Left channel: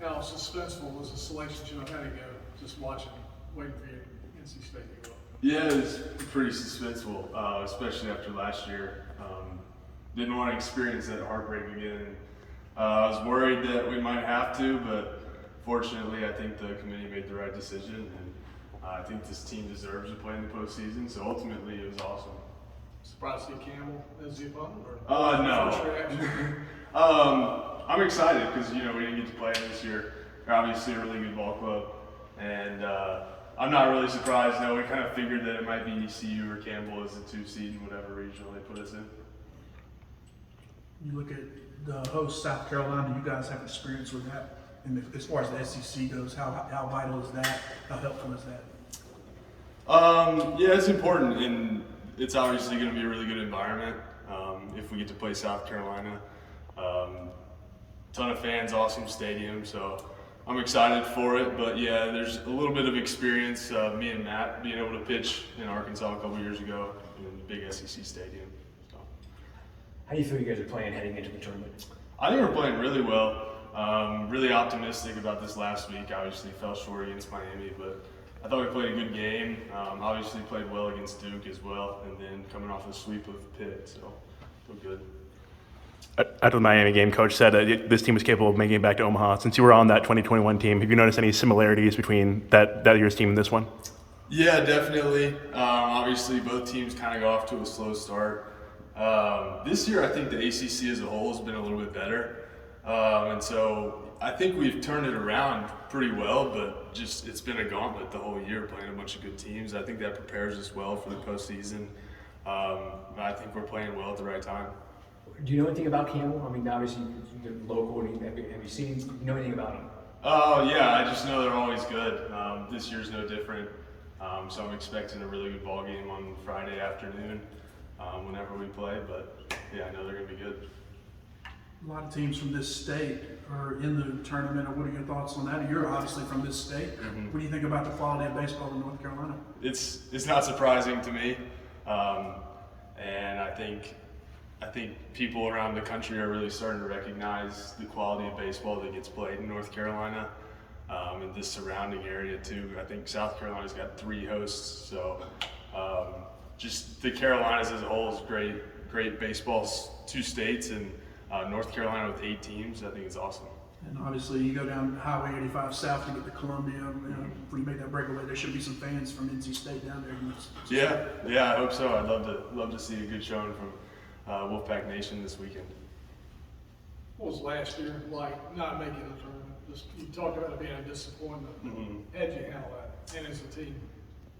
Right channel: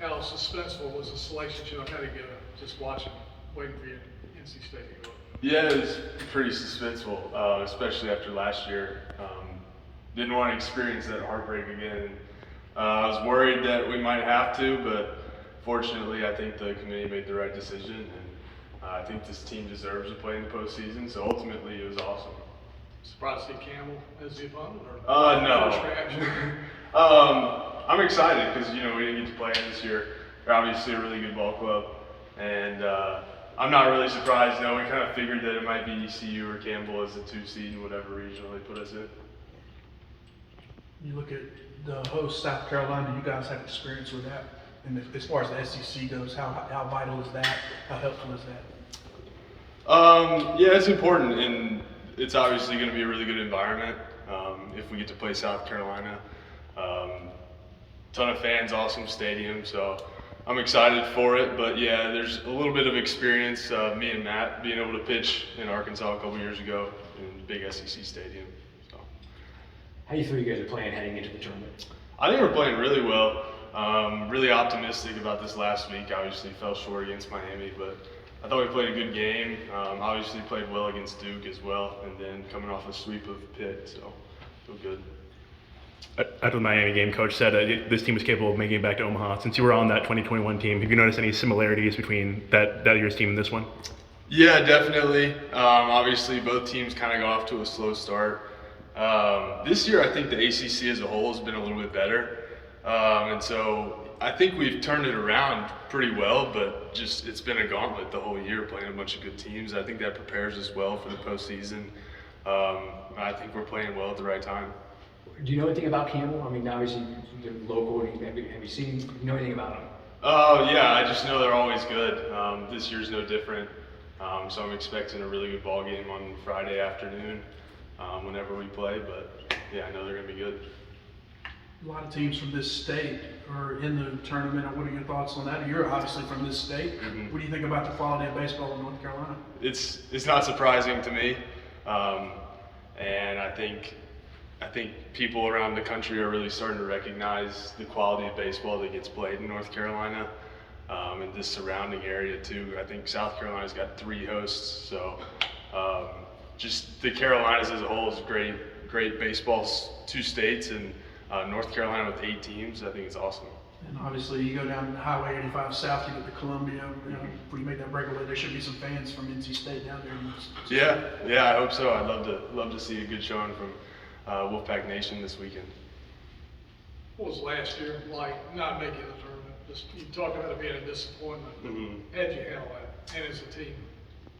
How suspenseful was the selection show? How did it go? Just watching, waiting for you NC State to go. Yeah, it was pretty suspenseful, especially after last year. Didn't want to experience that heartbreak again. I was worried that we might have to, but fortunately, I think the committee made the right decision, and I think this team deserves to play in the postseason. So ultimately, it was awesome. Surprised to see Campbell as the opponent? No. First reaction? I'm excited because we didn't get to play in this year. They're obviously a really good ball club, and I'm not really surprised. No, we kind of figured that it might be ECU or Campbell as the 2 seed in whatever regional they put us in. You look at the host, South Carolina, you guys have experience with that. And as far as the SEC goes, how vital is that? How helpful is that? Yeah, it's important, and it's obviously going to be a really good environment if we get to play South Carolina. Ton of fans, awesome stadium, so I'm excited for it. But yeah, there's a little bit of experience, me and Matt being able to pitch in Arkansas a couple years ago in the big SEC stadium. So. How do you feel you guys are playing heading into the tournament? I think we're playing really well. Really optimistic about this last week. Obviously fell short against Miami, but I thought we played a good game. Obviously played well against Duke as well, and then coming off a sweep of Pitt, so feel good. After the Miami game, Coach said this team was capable of making it back to Omaha. Since you were on that 2021 team, have you noticed any similarities between that year's team and this one? Yeah, definitely. Obviously, both teams kind of go off to a slow start. This year, I think the ACC as a whole has been a little bit better. And so I think we've turned it around pretty well, but just it's been a gauntlet the whole year playing a bunch of good teams. I think that prepares us well for the postseason. I think we're playing well at the right time. Do you know anything about Campbell? I mean, obviously, they're local. Have you know anything about them? Oh, yeah, I just know they're always good. This year's no different. So I'm expecting a really good ball game on Friday afternoon whenever we play. But yeah, I know they're going to be good. A lot of teams from this state are in the tournament. What are your thoughts on that? You're obviously from this state. Mm-hmm. What do you think about the quality of baseball in North Carolina? It's not surprising to me, and I think people around the country are really starting to recognize the quality of baseball that gets played in North Carolina and the surrounding area too. I think South Carolina's got 3 hosts, so just the Carolinas as a whole is great baseball, 2 states, and North Carolina with 8 teams. I think it's awesome. And obviously, you go down Highway 85 south to get to Columbia. When you make that breakaway, there should be some fans from NC State down there. Yeah, I hope so. I'd love to see a good showing from Wolfpack Nation this weekend. What was last year like not making the tournament? Just you talked about it being a disappointment. Mm-hmm. How'd you handle that? And as a team?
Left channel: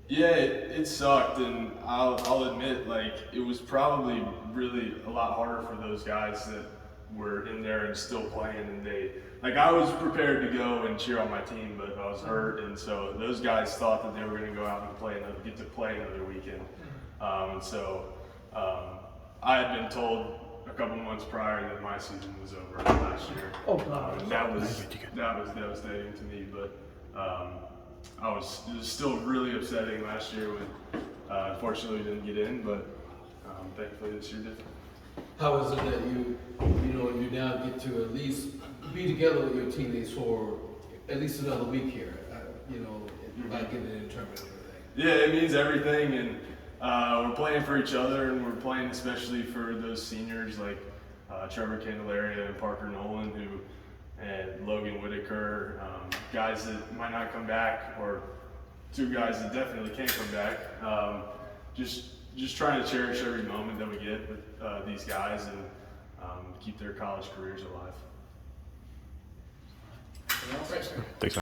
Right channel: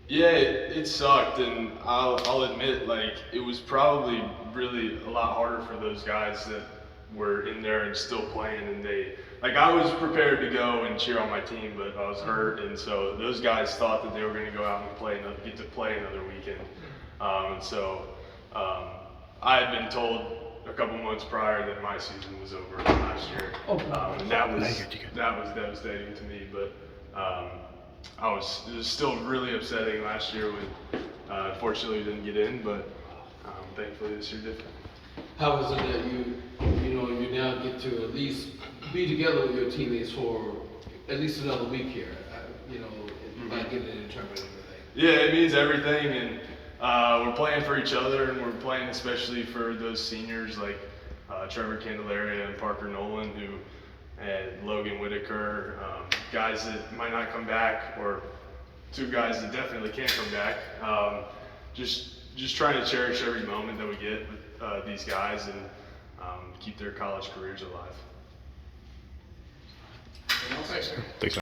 Yeah, it sucked, and I'll admit, like, it was probably really a lot harder for those guys that were in there and still playing, and I was prepared to go and cheer on my team, but I was hurt, and so those guys thought that they were going to go out and get to play another weekend, and so I had been told a couple months prior that my season was over last year, and that was devastating to me, but it was still really upsetting last year when unfortunately we didn't get in, but thankfully this year did. How is it that you now get to at least be together with your teammates for at least another week here? Not getting in the tournament and everything. Yeah, it means everything, and we're playing for each other, and we're playing especially for those seniors like Trevor Candelaria and Parker Nolan, and Logan Whitaker, guys that might not come back, or 2 guys that definitely can't come back. Just trying to cherish every moment that we get with these guys and keep their college careers alive. Anything else? Thanks.